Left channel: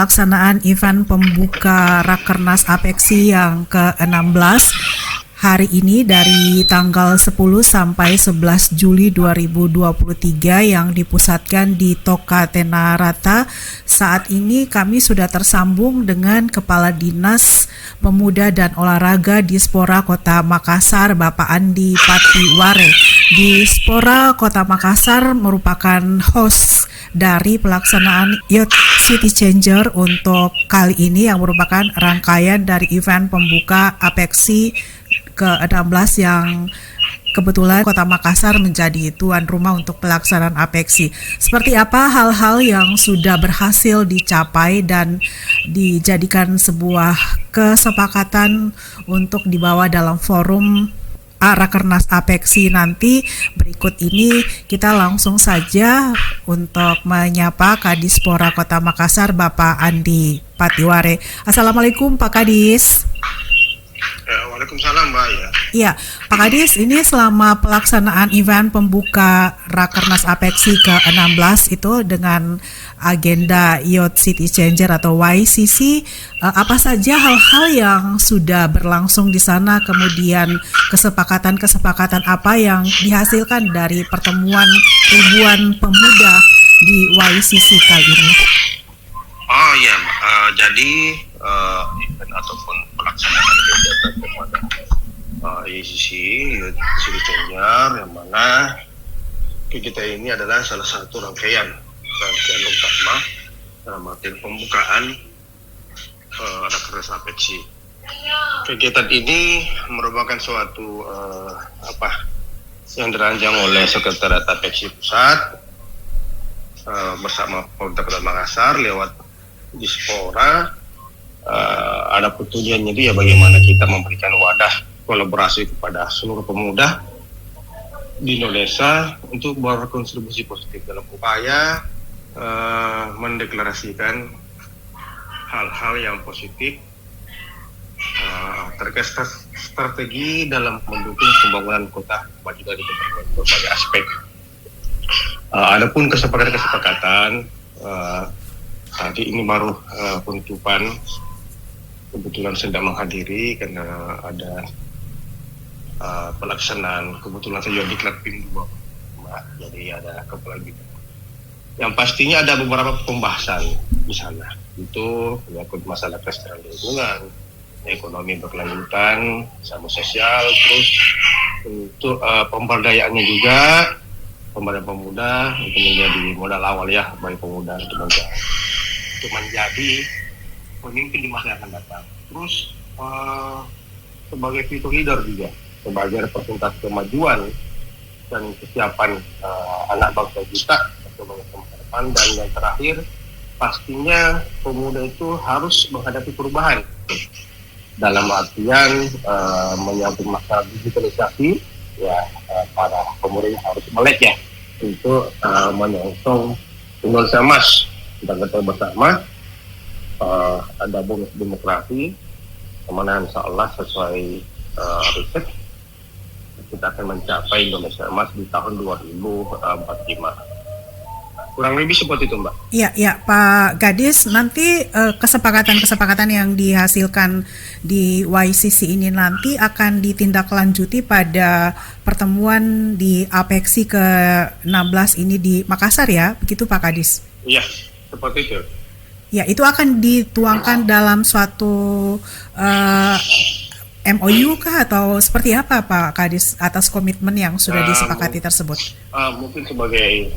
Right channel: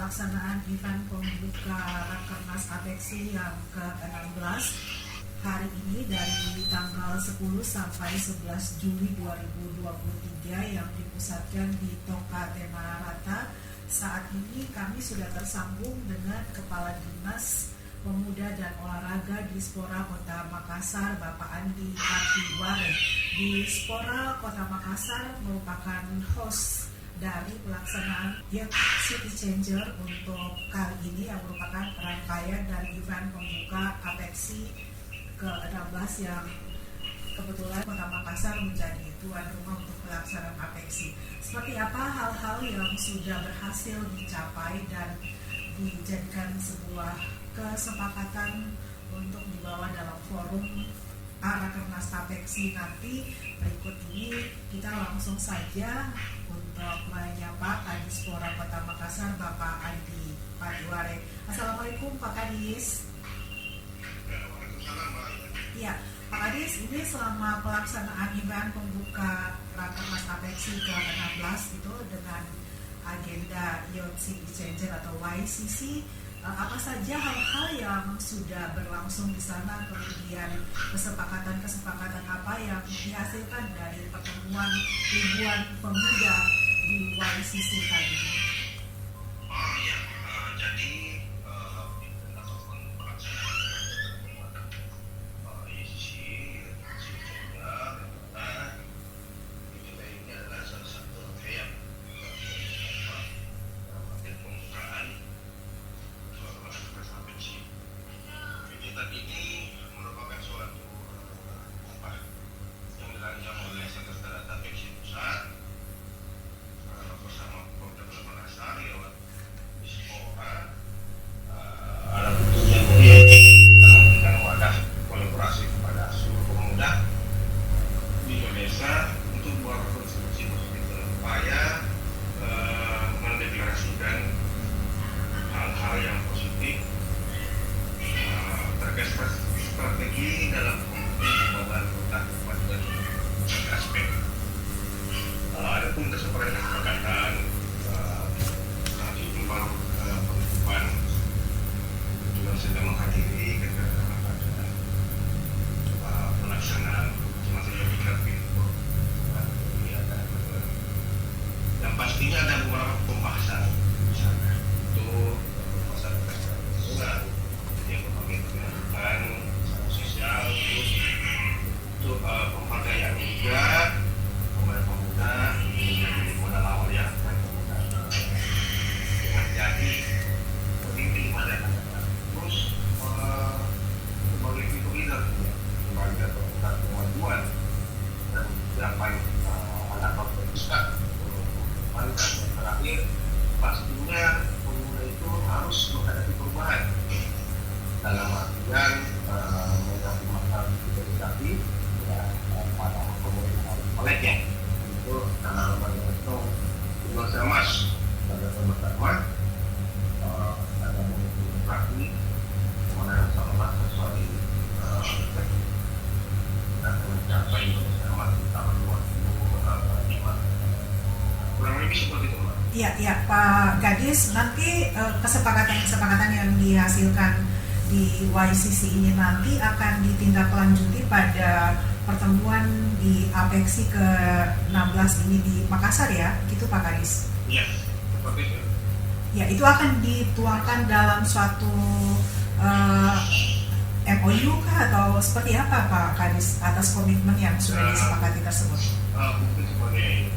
pelaksanaan event pembuka Rakernas Apeksi yang ke-16 hari ini dari tanggal 10 sampai 11 Juli 2023 yang dipusatkan di Toka Tenarata. Saat ini kami sudah tersambung dengan Kepala Dinas Pemuda dan Olahraga Dispora Kota Makassar, Bapak Andi Patiware. Dispora Kota Makassar merupakan host dari pelaksanaan Youth City Changer untuk kali ini yang merupakan rangkaian dari event pembuka Apeksi ke-16 yang kebetulan Kota Makassar menjadi tuan rumah untuk pelaksanaan Apeksi. Seperti apa hal-hal yang sudah berhasil dicapai dan dijadikan sebuah kesepakatan untuk dibawa dalam forum Rakernas Apeksi nanti. Berikut ini kita langsung saja untuk menyapa Kadispora Kota Makassar, Bapak Andi Patiware. Assalamualaikum Pak Kadis. Waalaikumsalam Mbak ya. Iya, Pak Kadis, ini selama pelaksanaan event pembuka Rakernas Apeksi ke-16 itu dengan agenda Youth City Changer atau YCC, apa saja hal-hal yang sudah berlangsung di sana, kemudian kesepakatan-kesepakatan apa yang dihasilkan dari pertemuan ribuan pemuda di YCC kali ini? Oh iya, jadi event ataupun pelaksanaan kegiatan kepada YCC Youth City Changer yang mana kegiatan ini adalah salah satu rangkaian utama dalam arti pembukaan Rakernas Apeksi. Kegiatan ini merupakan suatu yang dirancang oleh Sekretariat Apeksi Pusat bersama Pemerintah Kota Makassar lewat Dispora. Ada tujuan jadi bagaimana kita memberikan wadah kolaborasi kepada seluruh pemuda di Indonesia untuk berkontribusi positif dalam upaya mendeklarasikan hal-hal yang positif terkait strategi dalam mendukung pembangunan kota maju dari berbagai aspek. Adapun kesepakatan nanti ini baru penutupan, kebetulan sedang menghadiri karena ada pelaksanaan, kebetulan saya diklat PIM, jadi ada kepala. Yang pastinya ada beberapa pembahasan di sana. Itu menyangkut masalah kelestarian lingkungan, ekonomi berkelanjutan, sama sosial, terus untuk pemberdayaannya juga pemberdayaan pemuda itu menjadi modal awal ya bagi pemuda untuk menjadi pemimpin di masa yang akan datang. Terus sebagai future leader juga, sebagai representasi kemajuan dan kesiapan anak bangsa kita. Dan yang terakhir, pastinya pemuda itu harus menghadapi perubahan dalam artian menyambut masalah digitalisasi ya. Para pemuda harus melek ya untuk menyongsong Indonesia Emas. Kita ketahui bersama ada bonus demokrasi kemana insya Allah sesuai riset kita akan mencapai Indonesia Emas di tahun 2045. Kurang lebih seperti itu Mbak. Iya Pak Gadis, nanti kesepakatan-kesepakatan yang dihasilkan di YCC ini nanti akan ditindaklanjuti pada pertemuan di Apeksi ke-16 ini di Makassar ya, begitu Pak Kadis? Iya, seperti itu. Ya, itu akan dituangkan dalam suatu MOU kah atau seperti apa Pak Kadis atas komitmen yang sudah disepakati tersebut? Mungkin sebagai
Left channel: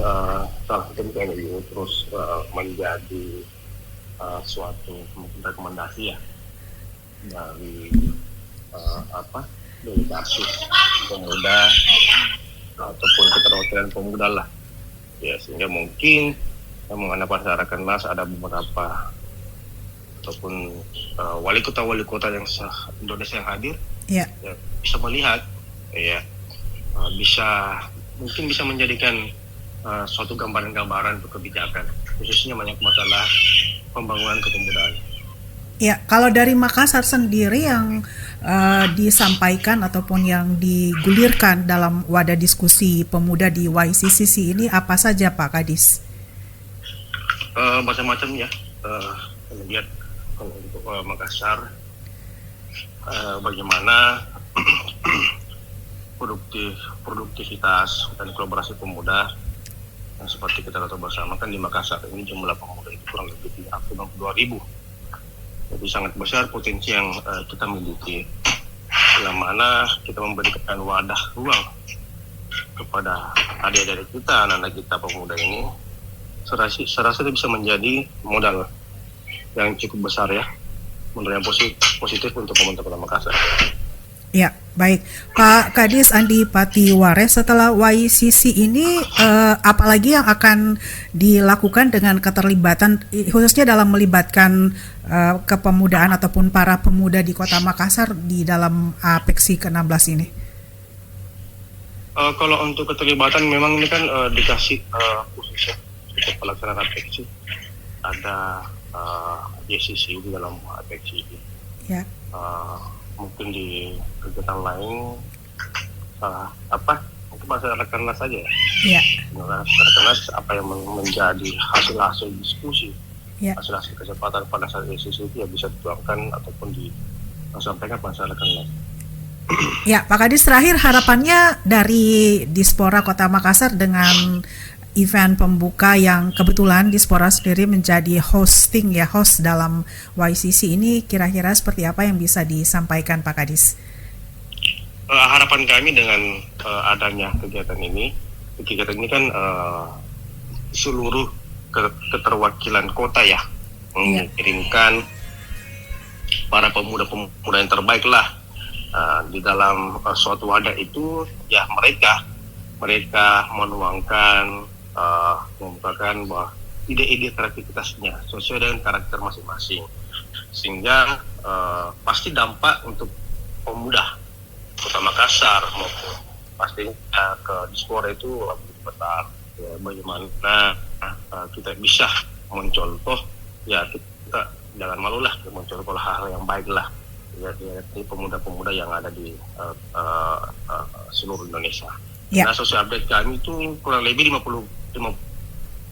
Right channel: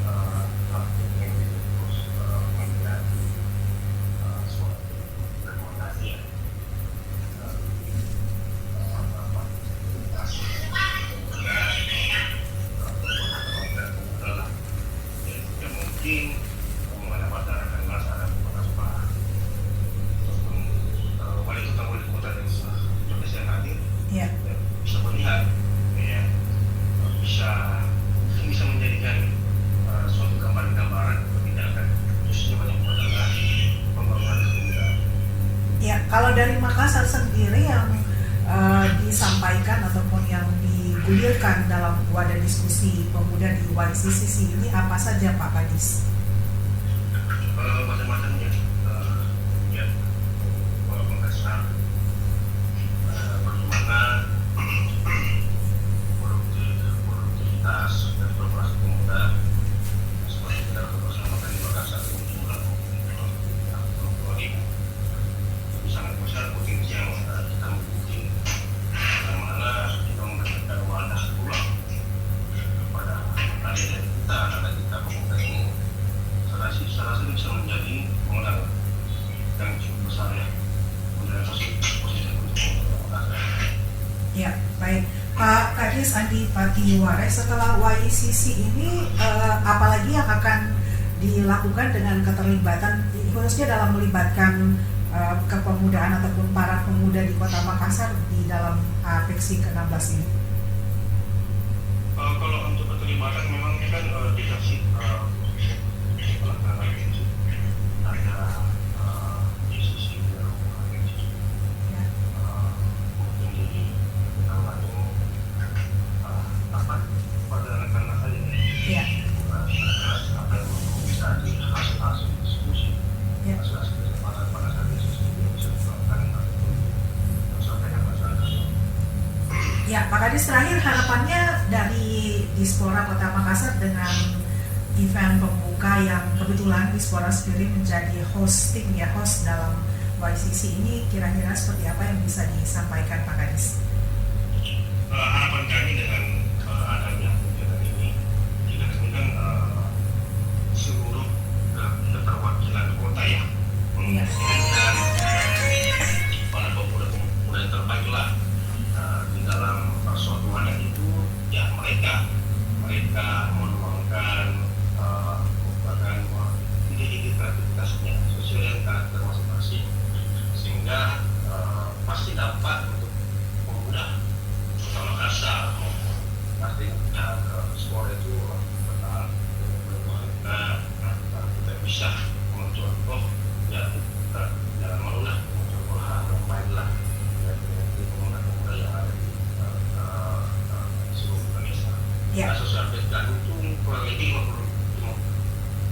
salah satu MOU terus menjadi suatu rekomendasi ya dari dari kasus pemuda ataupun keterwakilan pemuda lah ya, sehingga mungkin mengenai pada Rakernas ada beberapa ataupun wali kota yang Indonesia yang hadir ya, bisa melihat ya, mungkin bisa menjadikan suatu gambaran kebijakan khususnya banyak masalah pembangunan kepemudaan. Ya, kalau dari Makassar sendiri yang disampaikan ataupun yang digulirkan dalam wadah diskusi pemuda di YCCC ini apa saja Pak Kadis? Macam-macam ya, lihat untuk Makassar bagaimana produktivitas dan kolaborasi pemuda. Seperti kita tahu bersama kan di Makassar ini jumlah pemuda itu kurang lebih 52.000. Jadi sangat besar potensi yang kita miliki. Yang mana kita memberikan wadah ruang kepada adik-adik kita, anak-anak kita pemuda ini, saya rasa bisa menjadi modal yang cukup besar ya, modal yang positif untuk teman-teman Makassar. Ya, baik. Pak Kadis Andi Patiware, setelah YCC ini apalagi yang akan dilakukan dengan keterlibatan, khususnya dalam melibatkan kepemudaan ataupun para pemuda di Kota Makassar di dalam APECSI ke-16 ini? Kalau untuk keterlibatan memang ini kan dikasih khususnya untuk pelaksanaan APECSI. Ada JCC di dalam APECSI. Ya. Mungkin di kegiatan lain bahasa rakernas saja ya. Rakernas apa yang menjadi hasil diskusi, hasil kesempatan pada saat diskusi itu yang bisa dituangkan ataupun disampaikan pada rakernas. Ya, Pak Kadis, terakhir harapannya dari Dispora Kota Makassar dengan event pembuka yang kebetulan Dispora sendiri menjadi host dalam YCC ini, kira-kira seperti apa yang bisa disampaikan Pak Kadis? Harapan kami dengan adanya kegiatan ini kan seluruh keterwakilan kota ya mengirimkan para pemuda-pemuda yang terbaik lah di dalam suatu wadah itu ya, mereka menuangkan membukakan bahwa ide-ide kreativitasnya sesuai dengan karakter masing-masing, sehingga pasti dampak untuk pemuda Kota Makassar maupun pastinya ke Dispora itu lebih besar. Bagaimana kita bisa mencontoh ya, kita jangan malulah mencontoh hal yang baik lah ya, pemuda-pemuda yang ada di seluruh Indonesia. Nah, sosial update kami itu kurang lebih 55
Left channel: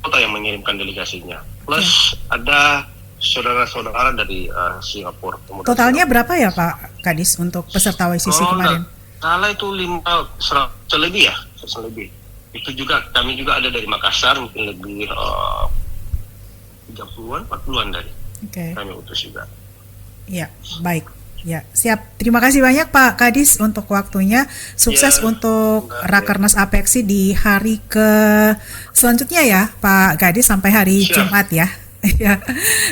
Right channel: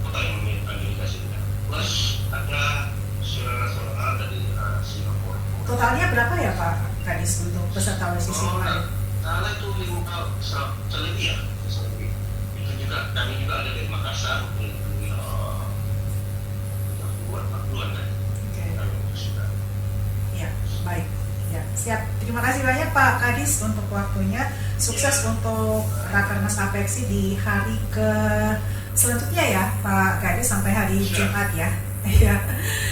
kota yang mengirimkan delegasinya, plus ada saudara-saudara dari Singapura. Totalnya berapa ya Pak Kadis untuk peserta YCC kemarin? Salah itu 100 lebih. Itu juga kami juga ada dari Makassar, mungkin lebih 30-an, 40-an dari kami utus juga. Ya, baik. Ya, siap. Terima kasih banyak Pak Kadis untuk waktunya. Sukses untuk Rakernas APECSI di hari selanjutnya ya Pak Kadis, sampai hari Jumat ya. Ya.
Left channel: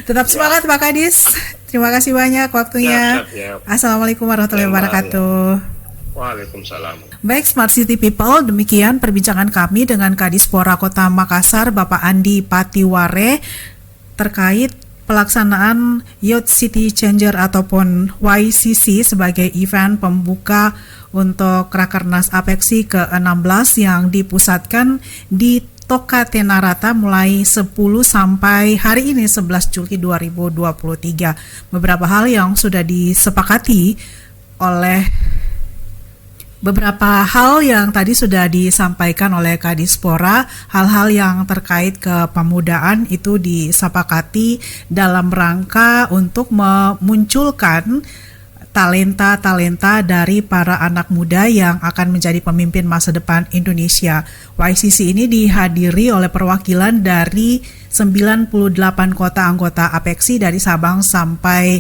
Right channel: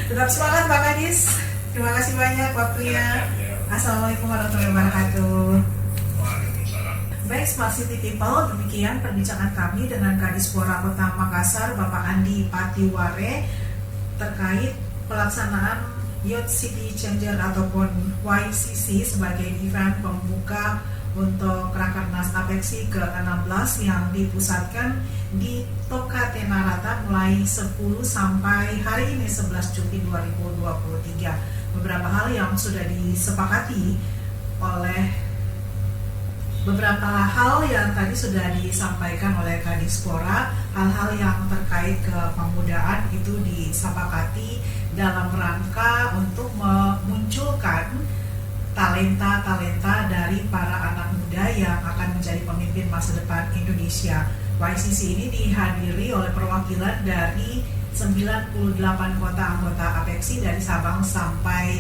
Tetap semangat Pak Kadis. Terima kasih banyak waktunya. Assalamualaikum warahmatullahi wabarakatuh. Waalaikumsalam. Baik, Smart City People, demikian perbincangan kami dengan Kadispora Kota Makassar, Bapak Andi Patiware, terkait pelaksanaan Youth City Changer ataupun YCC sebagai event pembuka untuk Rakernas APECSI ke-16 yang dipusatkan di Toka Tenarata mulai 10 sampai hari ini 11 Juli 2023. Beberapa hal yang sudah disepakati oleh beberapa hal yang tadi sudah disampaikan oleh Kadispora, hal-hal yang terkait kepemudaan itu disepakati dalam rangka untuk memunculkan talenta-talenta dari para anak muda yang akan menjadi pemimpin masa depan Indonesia. YCC ini dihadiri oleh perwakilan dari 98 kota anggota APECSI dari Sabang sampai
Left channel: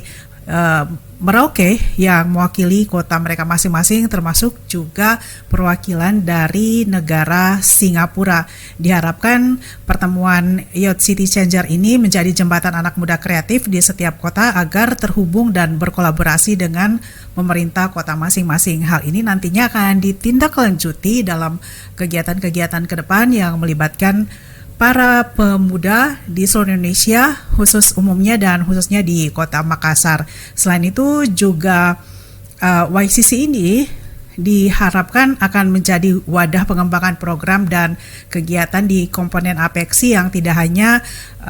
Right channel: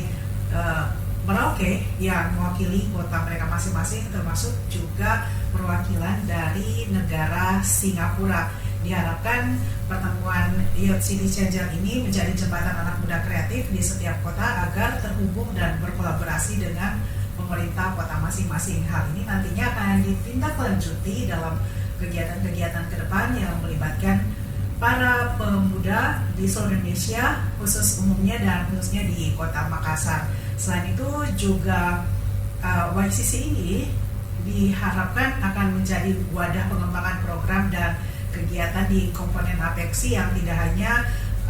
Merauke yang mewakili kota mereka masing-masing, termasuk juga perwakilan dari negara Singapura. Diharapkan pertemuan Youth City Changer ini menjadi jembatan anak muda kreatif di setiap kota agar terhubung dan berkolaborasi dengan pemerintah kota masing-masing. Hal ini nantinya akan ditindaklanjuti dalam kegiatan-kegiatan ke depan yang melibatkan para pemuda di seluruh Indonesia, khusus umumnya dan khususnya di Kota Makassar. Selain itu juga YCC ini diharapkan akan menjadi wadah pengembangan program dan kegiatan di komponen APECSI yang tidak hanya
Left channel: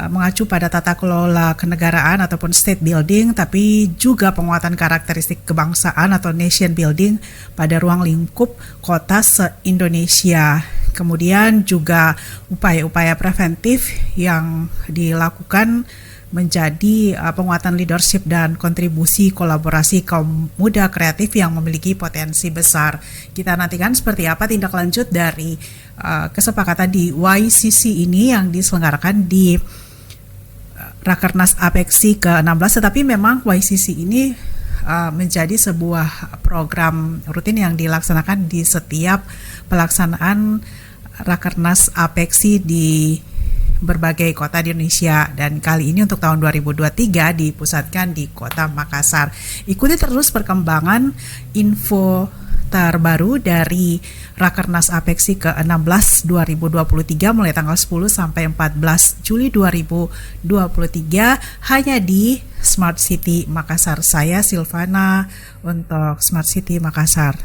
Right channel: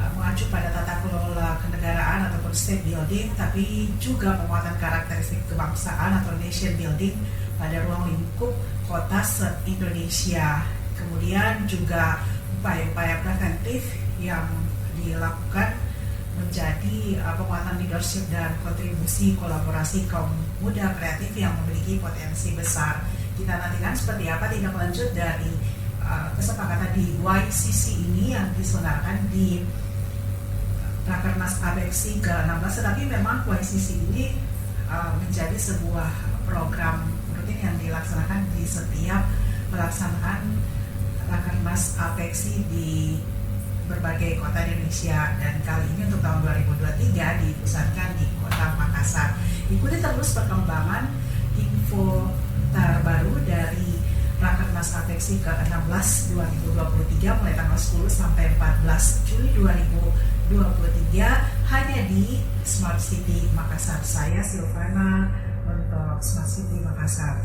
mengacu pada tata kelola kenegaraan ataupun state building, tapi juga penguatan karakteristik kebangsaan atau nation building pada ruang lingkup kota se-Indonesia. Kemudian juga upaya-upaya preventif yang dilakukan menjadi penguatan leadership dan kontribusi kolaborasi kaum muda kreatif yang memiliki potensi besar. Kita nantikan seperti apa tindak lanjut dari kesepakatan di YCC ini yang diselenggarakan di Rakernas APEKSI ke-16, tetapi memang YCC ini menjadi sebuah program rutin yang dilaksanakan di setiap pelaksanaan Rakernas APEKSI di berbagai kota di Indonesia, dan kali ini untuk tahun 2023 dipusatkan di Kota Makassar. Ikuti terus perkembangan info terbaru dari Rakernas APEKSI ke-16 2023 mulai tanggal 10 sampai 14 Juli 2023 hanya di Smart City Makassar. Saya Silvana untuk Smart City Makassar.